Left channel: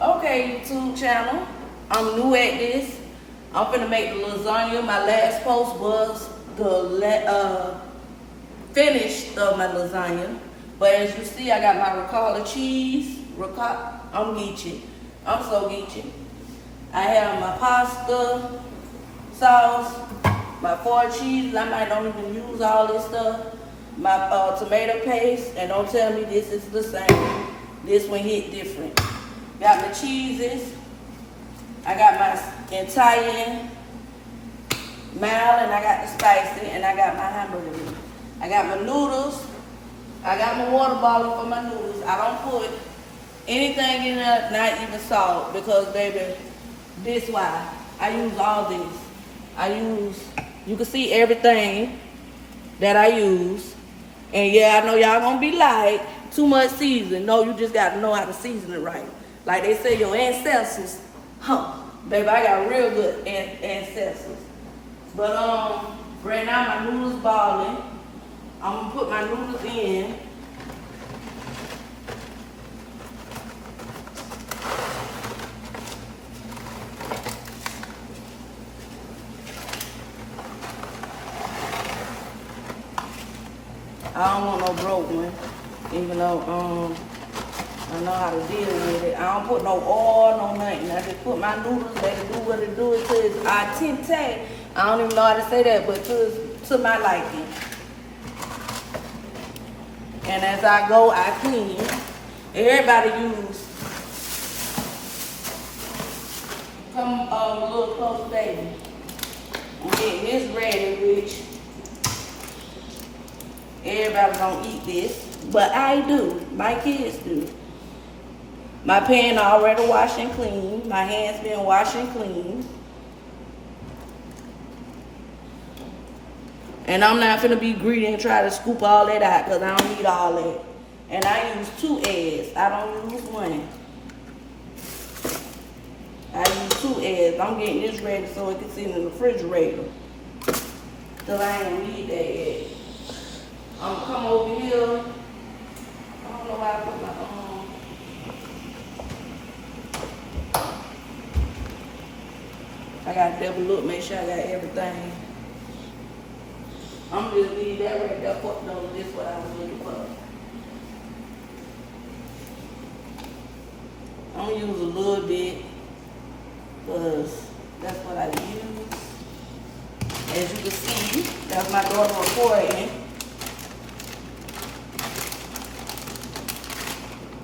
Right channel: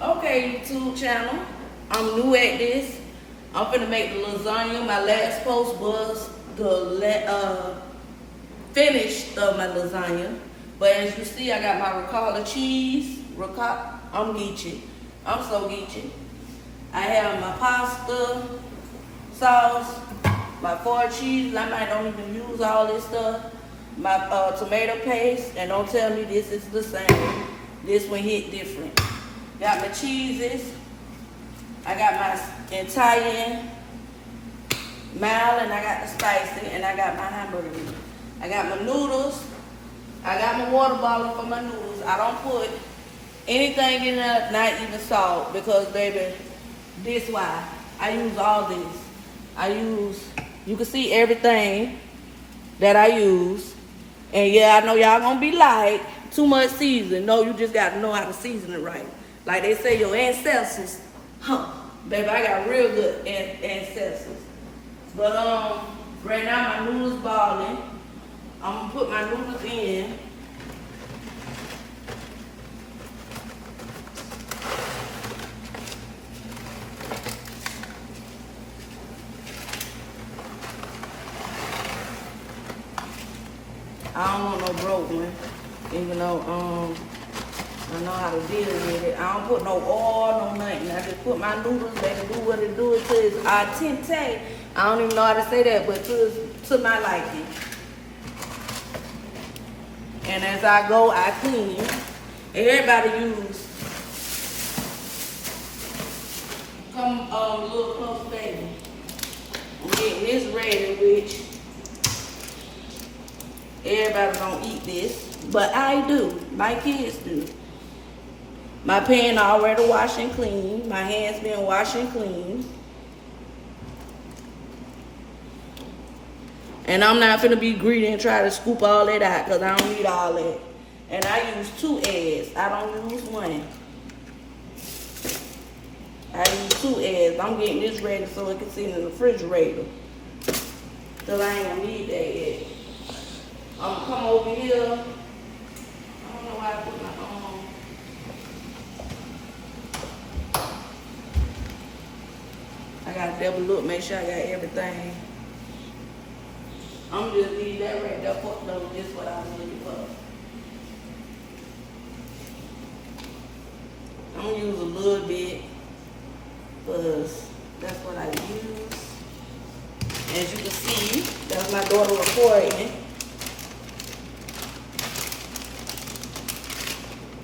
Okay, YouTube channel. I'm new at this. I'm finna make the lasagna. My last post was the finish of my lasagna. But as you see, I got my ricotta cheese. I'm geeching. I'm so geeching. I have my pasta sauce, my 4 cheeses. I might don't even use all this stuff. My tomato paste, and don't tell me this is the same. This one hit different. Got my cheeses. I got my Italian mild, and I got the spicy, and I got my hamburger meat. I got my noodles. I got my water bottle for my noodles. I don't put anything in there, not even salt, because baby, this why. I use all this. You can see everything that I use. And yeah, I know y'all gonna be like, too much seasoning. No, you just gotta know how to season it right. Like they say, your ancestors, baby, I got real good ancestors. But right now my noodles boiling. I'm gonna put my noodles in. I don't want no broke one, even though I know how to deal with it. I don't put no oil, no nothing. I just put my noodles, let it do what it do. It says Addictive. I don't even know how to say that, but to my liking. And as I go, I clean. Everybody use a little close, baby. I'm getting this ready, which everybody don't eat this, but I do. My kids do. My pan already washed and clean. My hands been washed and clean. And I'm not finna be greedy and try to scoop all that out, because I don't need all that. And I use 2 eggs. I don't use 1. I use 2 eggs. I'm getting this ready so it can sit in the refrigerator, because I ain't gonna need that yet. I'm gonna come over here. I don't know why I put my I gotta double look, make sure I got everything. I'm just leave that right there, put them. This is what I was looking for. I'm gonna use a little bit, because that's what I use. As you can see, that's my daughter recording.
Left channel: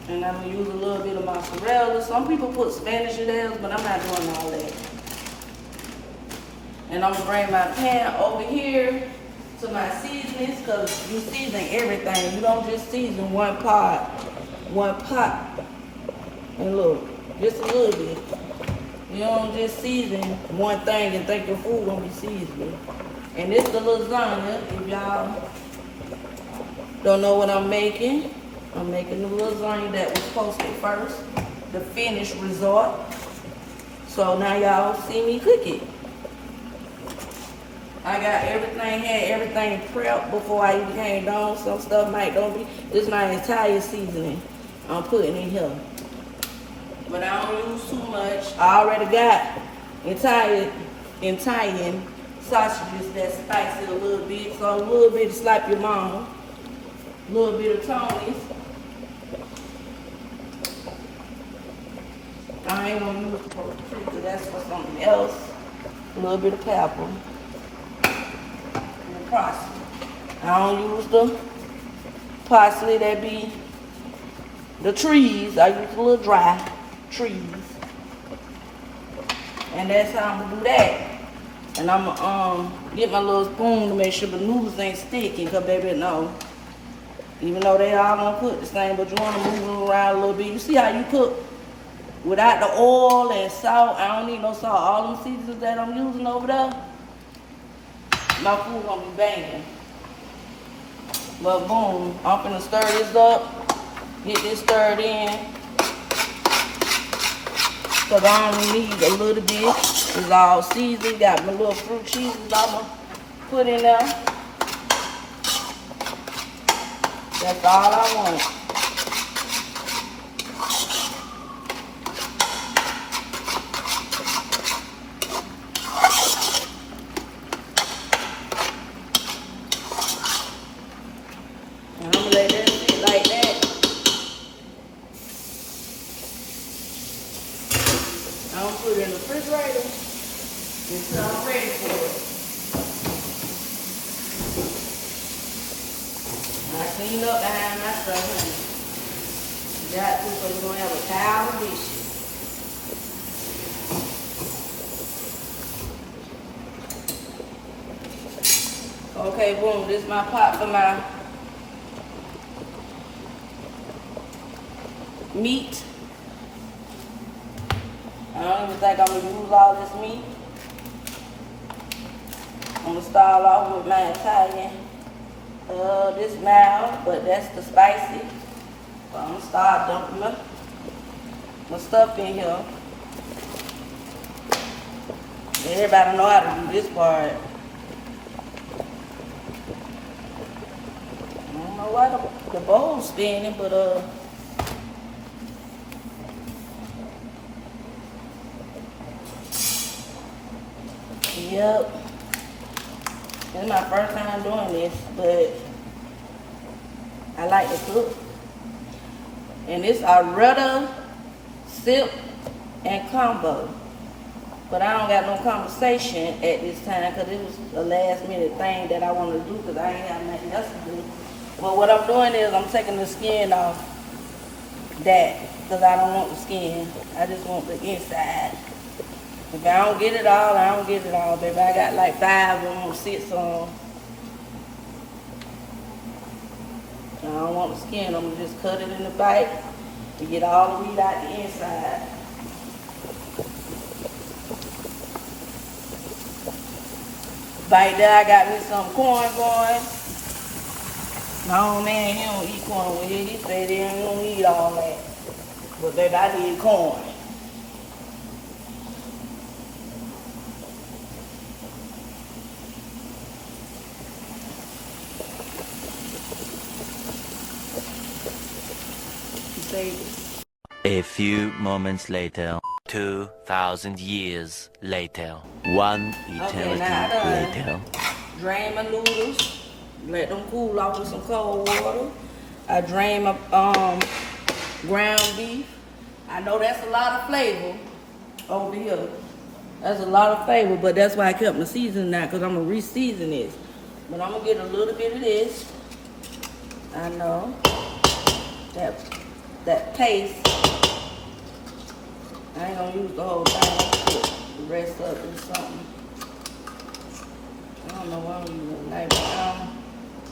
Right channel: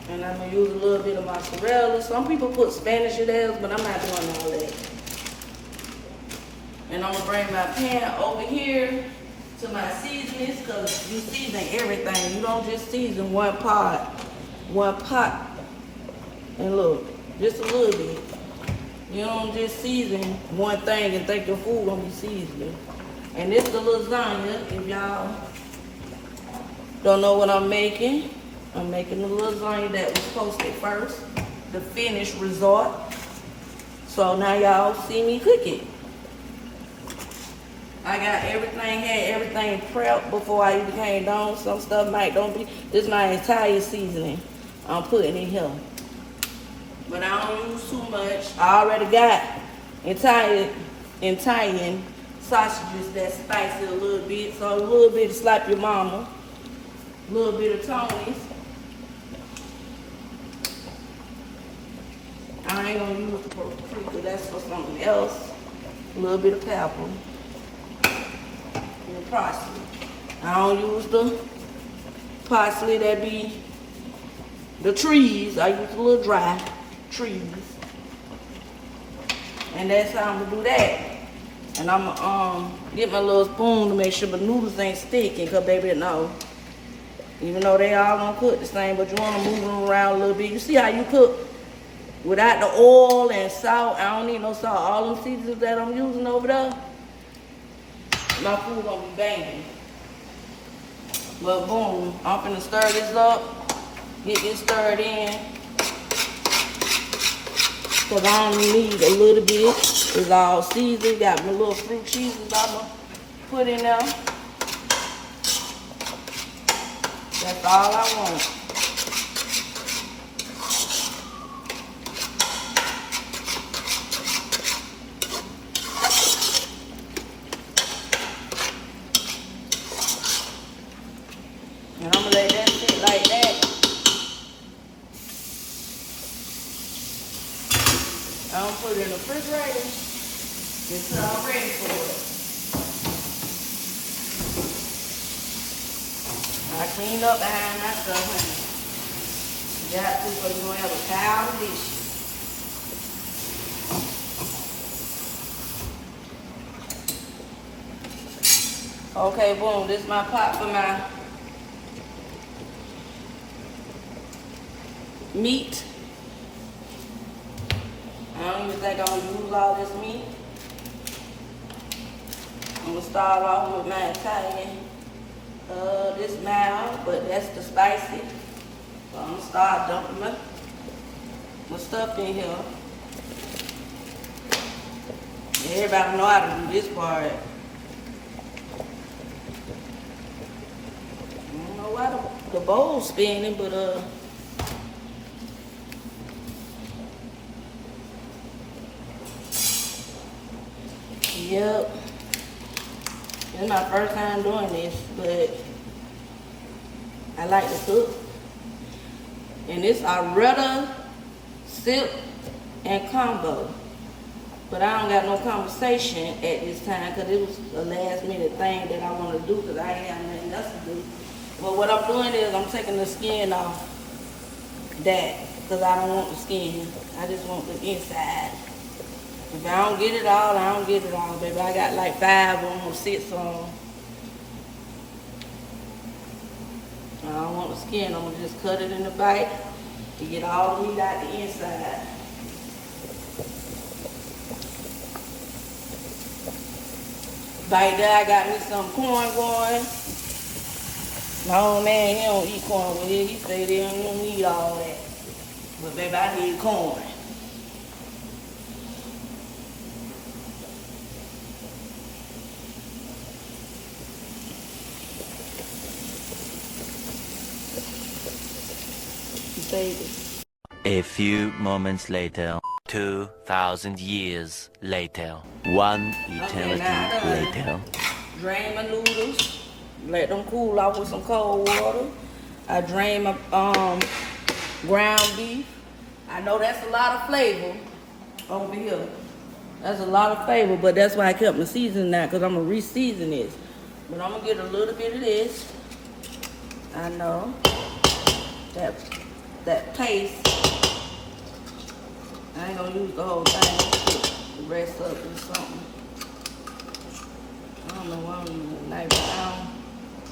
And I'm gonna use a little bit of mozzarella. Some people put Spanish in theirs, but I'm not doing all that. And I'm gonna bring my pan over here to my seasonings, because you season everything. You don't just season one pot. And look, just a little bit. You don't just season one thing and think your food gonna be seasoned. And this is the lasagna. If y'all don't know what I'm making the lasagna that was posted first, the finished result. So now y'all see me cook it. I got everything, had everything prepped before I even came down. Some stuff might don't be. This is my entire seasoning I'm putting in here. But I don't use too much. I already got Italian sausages that spicy a little bit. So a little bit of slap your mama. A little bit of Tony's. I ain't gonna use paprika, that's for something else. A little bit of pepper. And parsley. I don't use the parsley that be the trees. I use a little dry trees. And that's how I'm gonna do that. And I'm gonna get my little spoon to make sure the noodles ain't sticking, cause baby, no. Even though they all gonna cook the same, but you wanna move them around a little bit. You see how you cook without the oil and salt? I don't need no salt. All them seasonings that I'm using over there, my food gonna be banging. But boom, I'm finna stir this up, get this stirred in. Cause I only need a little bit. It's all seasoned. Got my little fruit cheeses I'ma put in there. That's all I want. I don't put it in the refrigerator until I'm ready for it. I clean up behind my stuff, honey. Got to, because we're going to have a pile of dishes. Okay, boom, this is my pot for my meat. I don't even think I'm gonna use all this meat. I'm gonna start off with my Italian. This mild, but that's the spicy. So I'm gonna start dumping my stuff in here. Everybody know how to do this part. I don't know why the bowl's spinning, but yep. This is my first time doing this, but I like to cook. And this ARRETTA sip and combo. But I don't got no conversation at this time because it was a last minute thing that I wanted to do because I ain't have nothing else to do. Well, what I'm doing is I'm taking the skin off that because I don't want the skin. I just want the inside. If I don't get it all, I don't get it all, baby. I got like 5 of them, 6 of them. I don't want the skin. I'm going to just cut it in the bite to get all the meat out the inside. Bite there, I got me some corn going. No, man, he don't eat corn with it. He said he don't eat all that. But baby, I need corn. A few moments later, 2,000 years later, one eternity later. Drain my noodles, let them cool off with some cold water. I drain my ground beef. I know that's a lot of flavor over here. That's a lot of flavor, but that's why I kept my seasoning now, because I'm going to re-season this. But I'm going to get a little bit of this. I know. That paste. I ain't gonna use the whole thing. Put the rest up in something. I don't know why I'm using a knife. I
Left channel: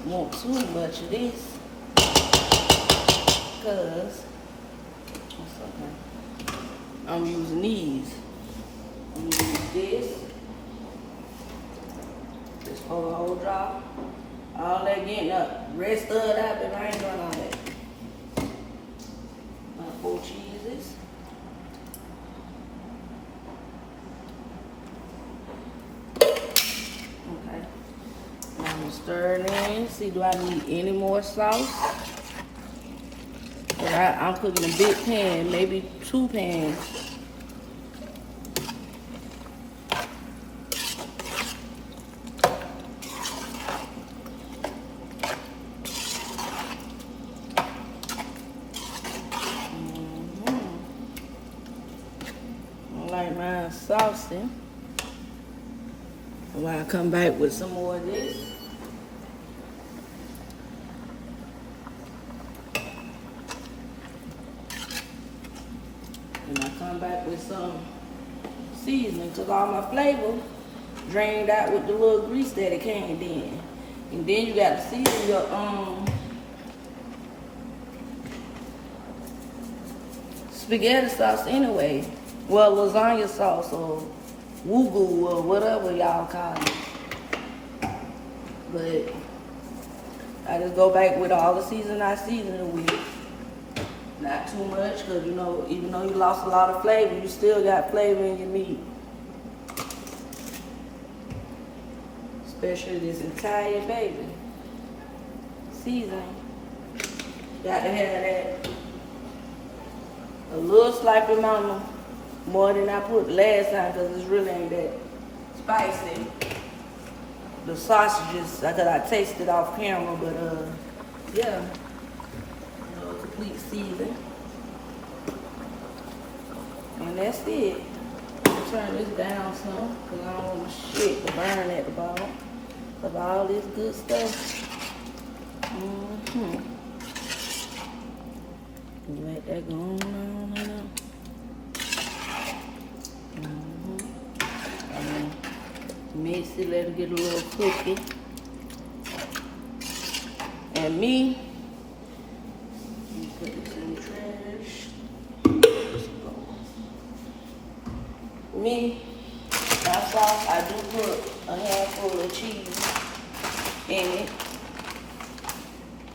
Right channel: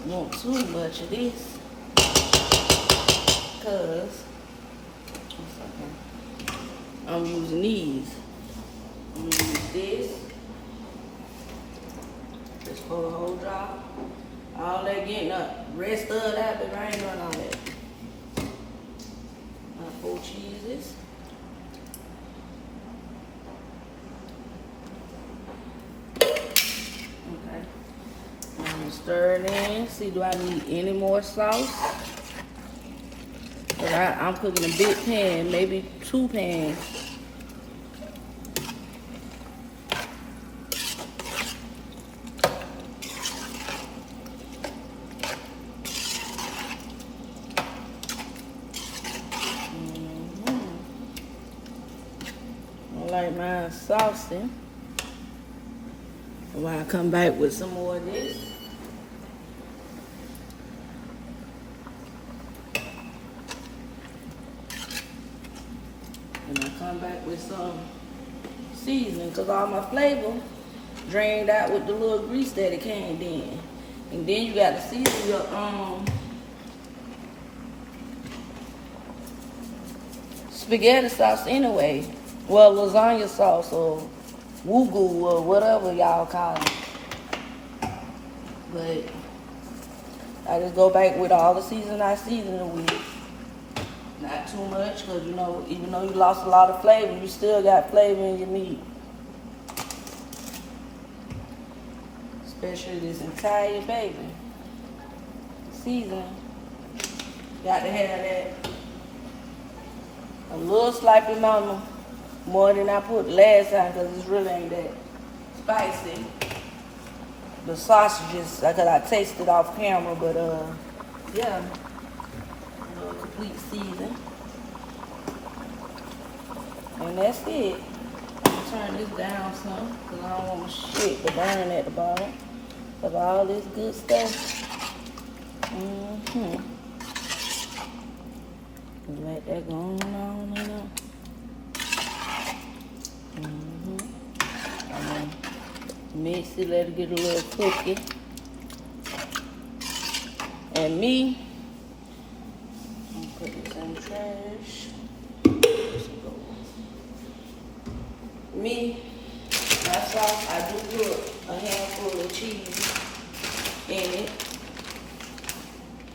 don't want too much of this. Because I'm using these. I'm gonna use this. Just for the whole drop. All that getting up. Rest of that, but I ain't doing all that. 4 cheeses. Okay. Now I'm gonna stir it in. See, do I need any more sauce? But I'm cooking a big pan, maybe 2 pans. Like mine saucy. While I come back with some more of this. And I come back with some seasoning because all my flavor drained out with the little grease that it came in. And then you got to season your spaghetti sauce anyway. Well, lasagna sauce or wugu or whatever y'all call it. But I just go back with all the seasoning I season it with. Not too much, because you know, even though you lost a lot of flavor, you still got flavor in your meat. Especially this Italian baby. Seasoning. Got to have that. A little slight amount more than I put last time, because it really ain't that spicy. The sausages, because I tasted off camera, but yeah. A little complete season. And that's it. turn this down some because I don't want shit to burn at the bottom. But all this good stuff. Let that go on and on. Mix it, let it get a little cookie. And me, I'm gonna put this in the trash. Me, that's all. I do put a handful of cheese in it.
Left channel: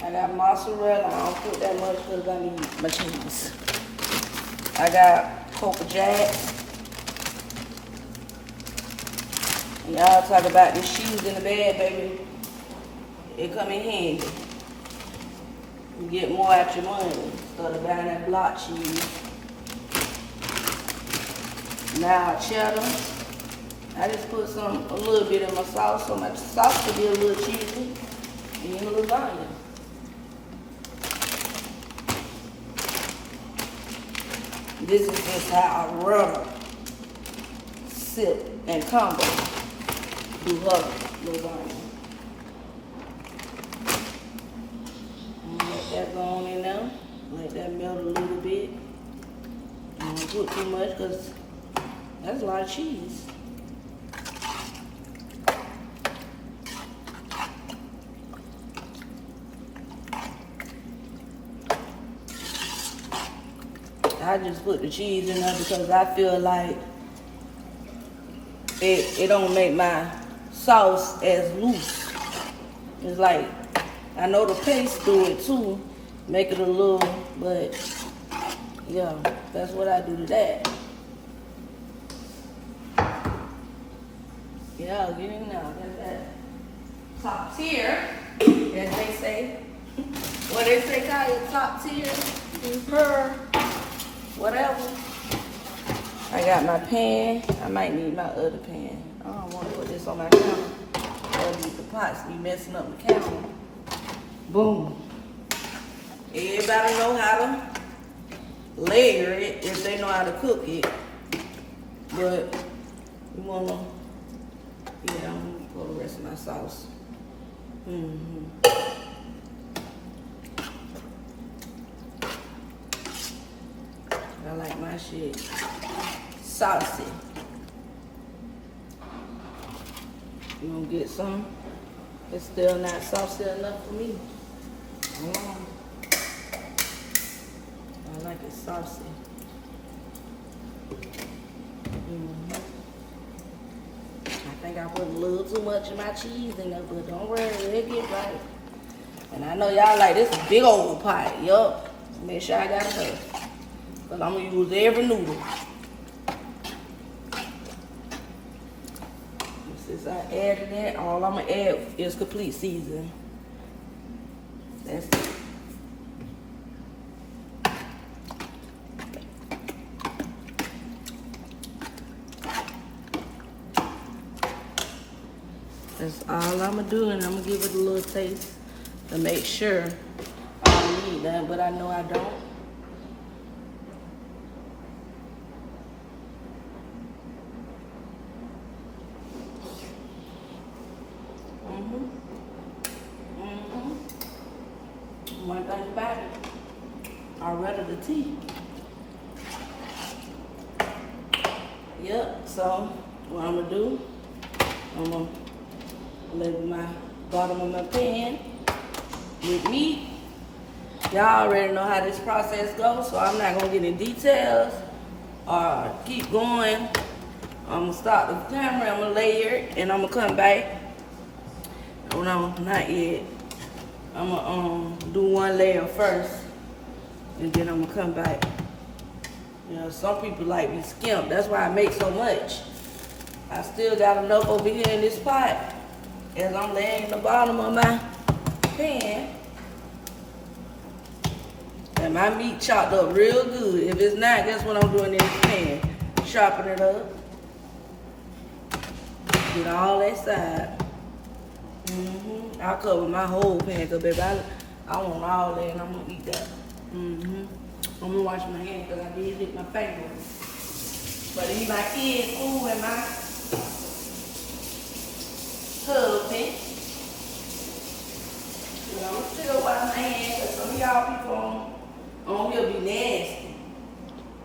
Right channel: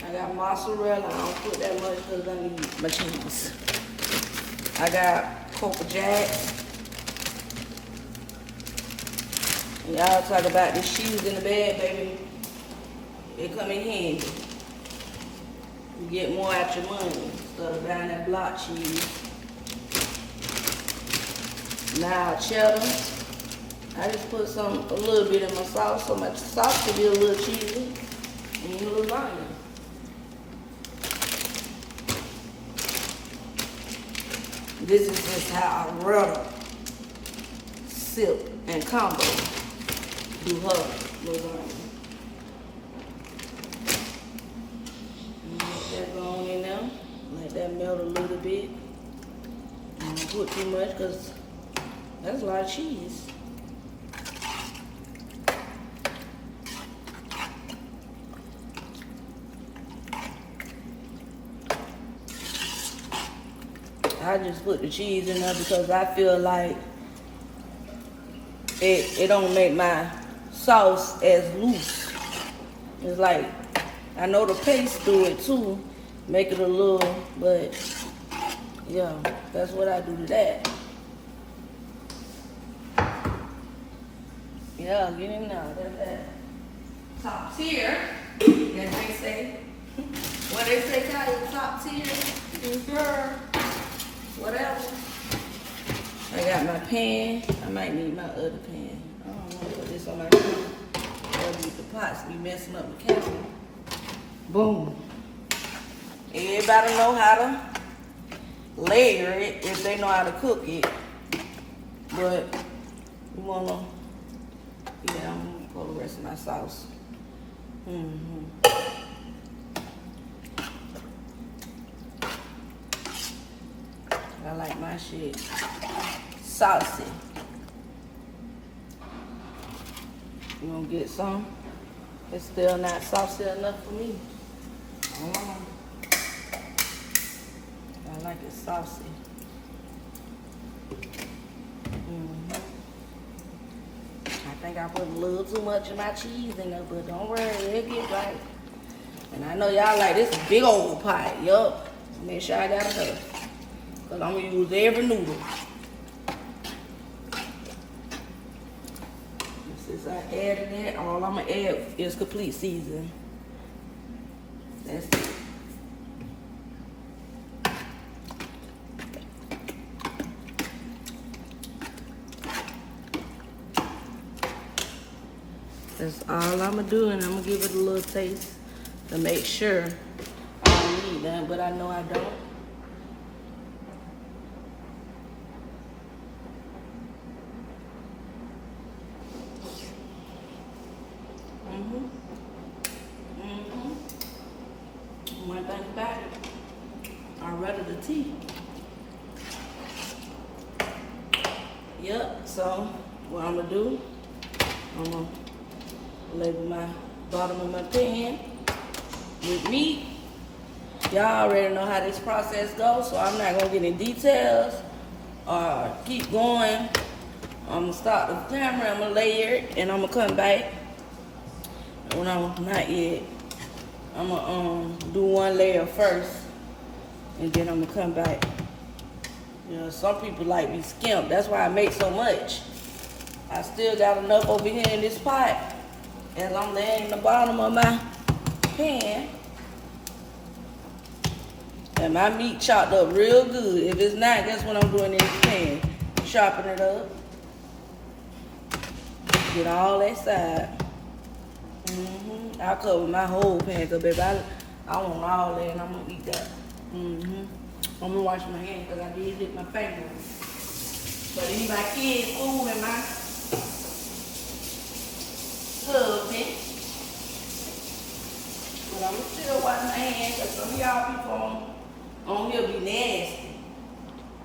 I got mozzarella. I don't put that much because I need my cheese. I got Coco Jack. Y'all talk about this cheese in the bag, baby. It come in handy. You get more out your money instead of buying that block cheese. Now cheddar. I just put a little bit in my sauce, so my sauce will be a little cheesy and a little lasagna. This is just how I run, sip, and combo do her lasagna. Let that go on in there. Let that melt a little bit. I don't put too much because that's a lot of cheese. I just put the cheese in there because I feel like it don't make my sauce as loose. It's like, I know the paste do it too, make it a little, but yeah, that's what I do to that. Yeah, get in there, that's that top tier, as they say. What they say, call it top tier, whatever. I got my pan. I might need my other pan. I don't want to put this on my counter. The pots be messing up the counter. Boom. Everybody know how to layer it if they know how to cook it. But you wanna, yeah, I'm gonna put the rest of my sauce. I like my shit saucy. You gonna get some? It's still not saucy enough for me. I like it saucy. I think I put a little too much of my cheese in there, but don't worry, it'll get right. And I know y'all like this big old pot. Yup. Make sure I got enough. Because I'm going to use every noodle. Since I added that, all I'm going to add is complete seasoning. That's it. That's all I'm going to do, and I'm going to give it a little taste to make sure I don't need that, but I know I don't. One thing about it, ARRETTA'S tea. Yep, so what I'm gonna do, I'm gonna label my bottom of my pan with meat. Y'all already know how this process goes, so I'm not gonna get in details or keep going. I'm gonna stop the camera, I'm gonna layer it, and I'm gonna come back. Oh no, not yet. I'm gonna do one layer first, and then I'm gonna come back. You know, some people like me skimp. That's why I make so much. I still got enough over here in this pot as I'm laying the bottom of my pan. And my meat chopped up real good. If it's not, that's what I'm doing in this pan. Chopping it up. Get all that side. I'll cover my whole pan, cause baby, I want all that, and I'm gonna eat that. I'm gonna wash my hands, cause I did hit my finger. But these my kids' food and my husband. But I'm still wash my hands because some of y'all people on here be nasty.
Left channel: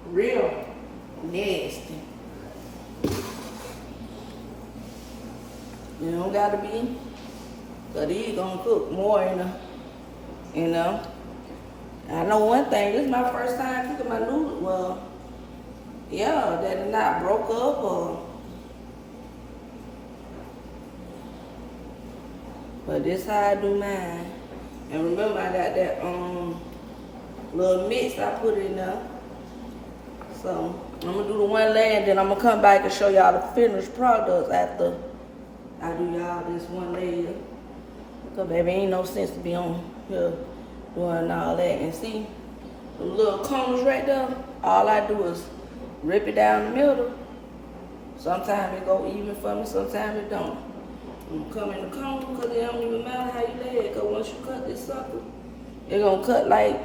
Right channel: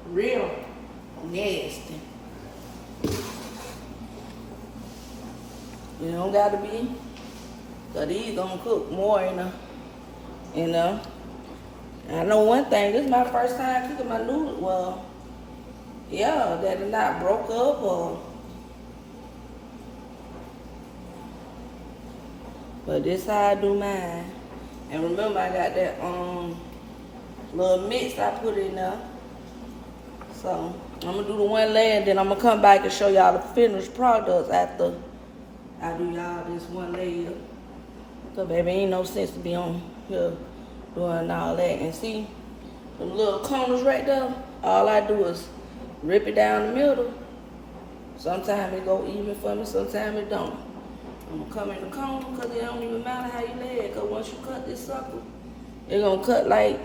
Real nasty. You don't gotta be. Cause these gonna cook more you know. I know one thing, this is my first time cooking my noodles. Well, yeah, that is not broke up or. But this how I do mine. And remember I got that little mix I put in there. So I'm gonna do the one layer and then I'm gonna come back and show y'all the finished products after I do y'all this one layer. Cause baby, ain't no sense to be on here doing all that. And see, the little corners right there, all I do is rip it down the middle. Sometimes it go even for me, sometimes it don't. I'm gonna come in the corner because it don't even matter how you lay it. Cause once you cut this sucker, it's gonna cut like,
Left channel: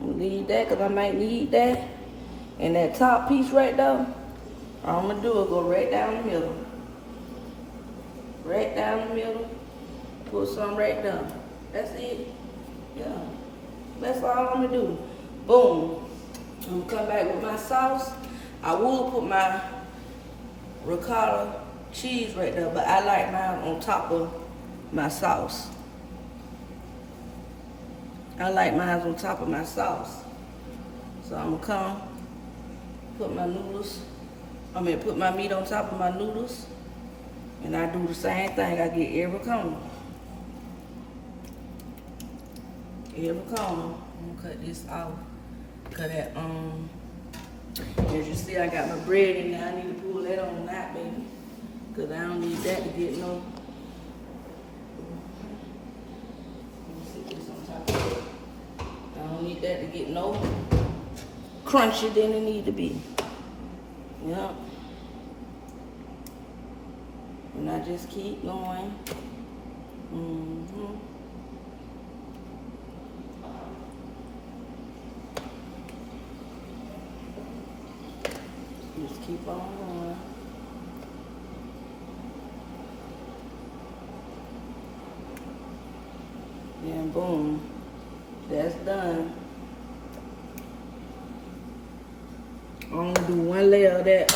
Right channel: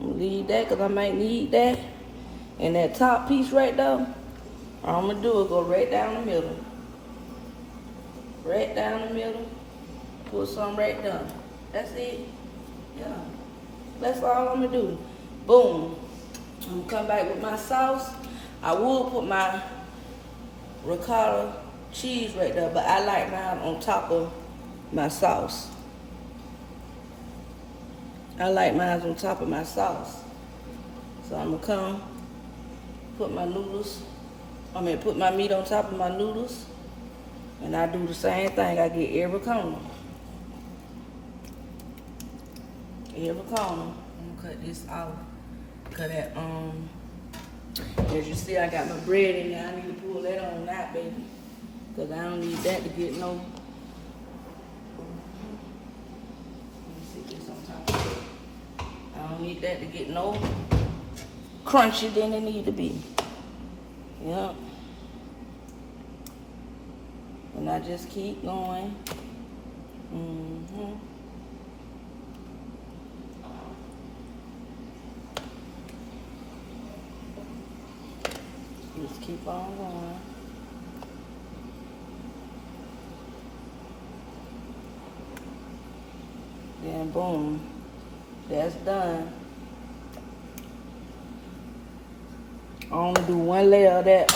I'm gonna leave that cause I might need that. And that top piece right there, all I'm gonna do is go right down the middle. Right down the middle, put some right there. That's it. Yeah. That's all I'm gonna do. Boom. I'm gonna come back with my sauce. I will put my ricotta cheese right there, but I like mine on top of my sauce. I like mine on top of my sauce. So I'm gonna come, put my noodles, put my meat on top of my noodles, and I do the same thing. I get every corner. Every corner. I'm gonna cut this off. Cut that, as you see, I got my bread in there. I need to pull that on that, baby. Cause I don't need that to get no. Let me sit this on top of it. I don't need that to get no crunchy than it need to be. Yep. And I just keep going. Just keep on going. Then boom, that's done. I'm gonna do one layer of that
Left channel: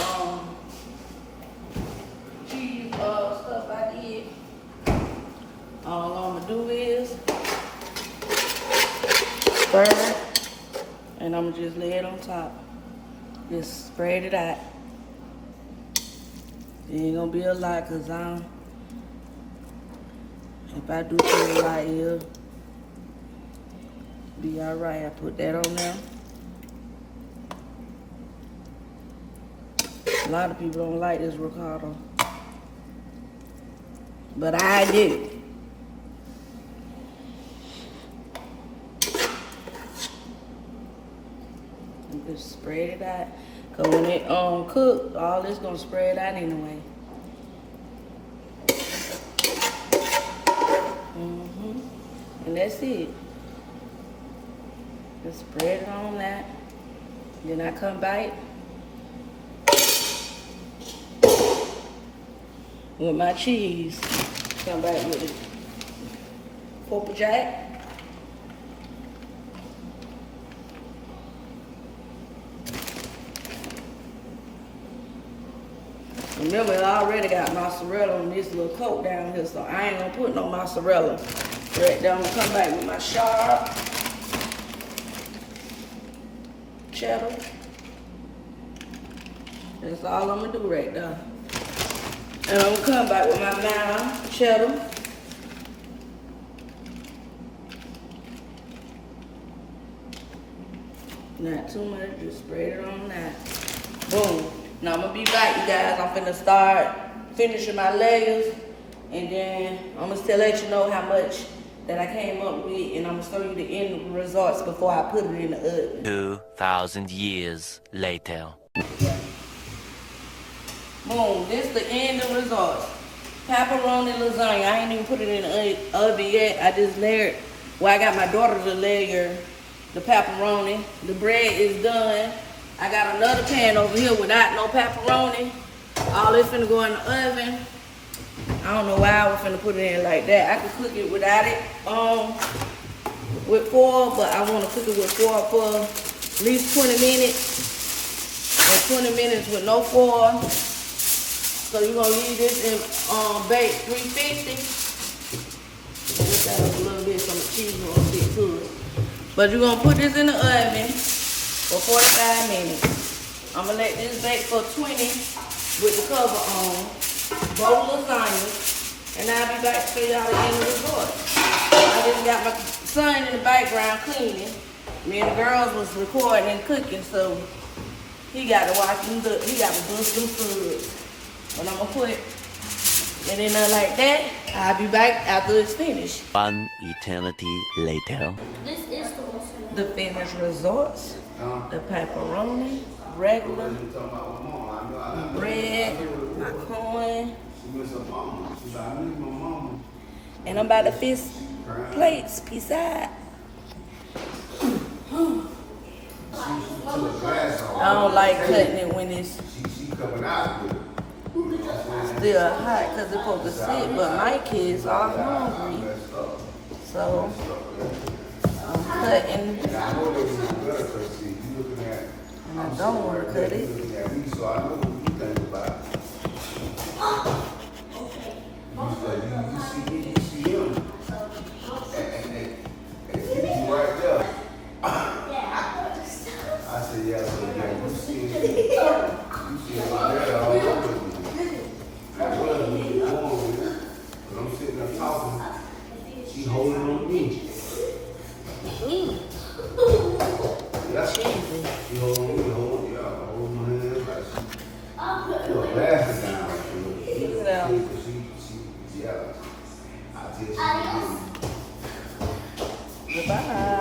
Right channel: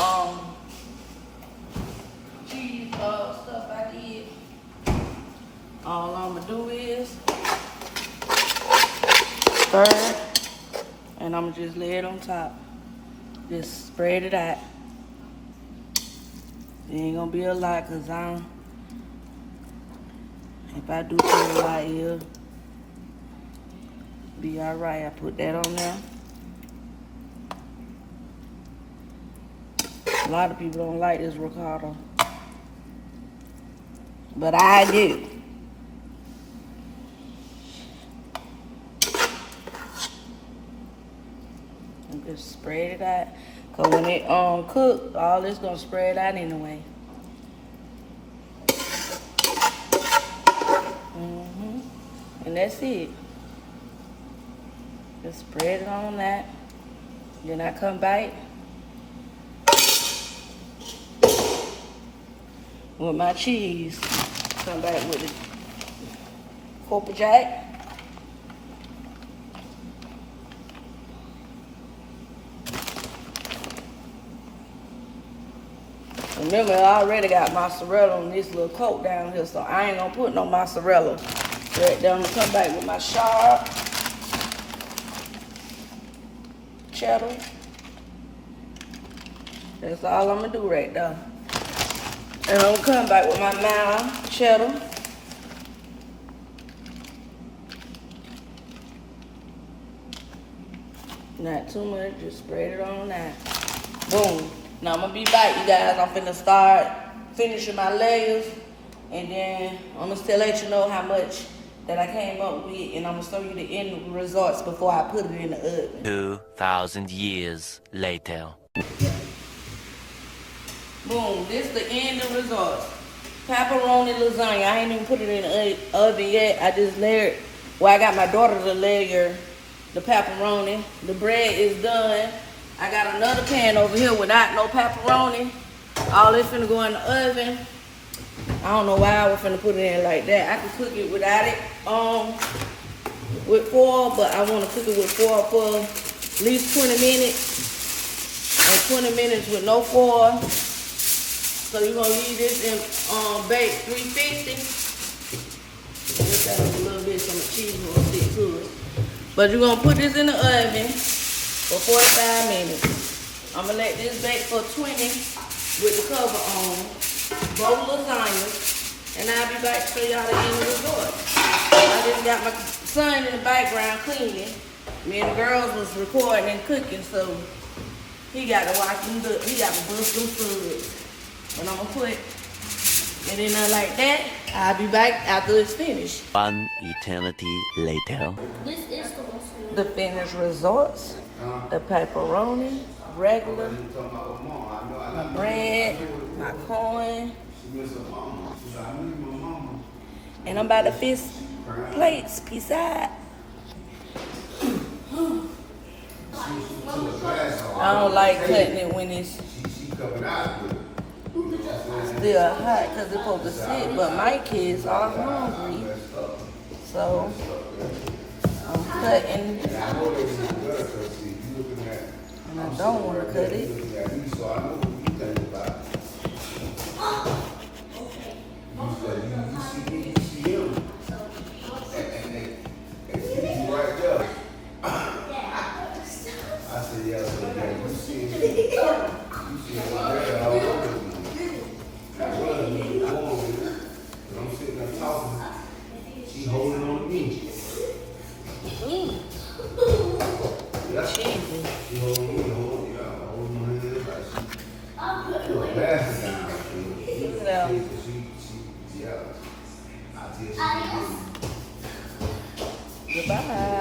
cheese stuff I did. All I'm gonna do is stir it, and I'm gonna just lay it on top. Just spread it out. It ain't gonna be a lot, cause if I do put a lot here, be alright. I put that on there. A lot of people don't like this ricotta, but I do. Just spread it out. Cause when it cook, all this gonna spread out anyway. And that's it. Just spread it on that. Then I come back with my cheese. Come back with it. Pepper jack. Remember, I already got mozzarella on this little coat down here, so I ain't gonna put no mozzarella. Right there, I'm gonna come back with my sharp cheddar. That's all I'm gonna do right there. And I'm gonna come back with my mild cheddar. Not too much, just spread it on that. Boom. Now I'm gonna be back, you guys. I'm finna start finishing my layers, and then I'm gonna still let you know how much that I came up with, and I'm gonna show you the end results before I put it in the oven. 2,000 years later. Boom, this is the end of results. Pepperoni lasagna. I ain't even put it in the oven yet. I just layered, well, I got my daughter to layer the pepperoni. The bread is done. I got another pan over here without no pepperoni. All this finna go in the oven. I don't know why I was finna put it in like that. I could cook it without it, with foil, but I wanna cook it with foil for at least 20 minutes. And 20 minutes with no foil. So you're gonna leave this in bake 350. Look at it a little bit so the cheese won't get good. But you're gonna put this in the oven for 45 minutes. I'm gonna let this bake for 20 with the cover on. Both lasagnas. And I'll be back to show y'all the end result. I just got my son in the background cleaning. Me and the girls was recording and cooking, so he got to watch them, he got to bust them food. But I'm gonna put it in there like that. I'll be back after it's finished. One eternity later. The finished results. The pepperoni, regular, my bread, my corn. And I'm about to fix plates beside. I don't like cutting it when it's still hot because it's supposed to sit, but my kids are hungry. So I'm cutting. And I don't want to cut it. She holding on me. Cheesy. She holding me, holding my hand like she put her glasses down. Yeah. Yeah. I Goodbye.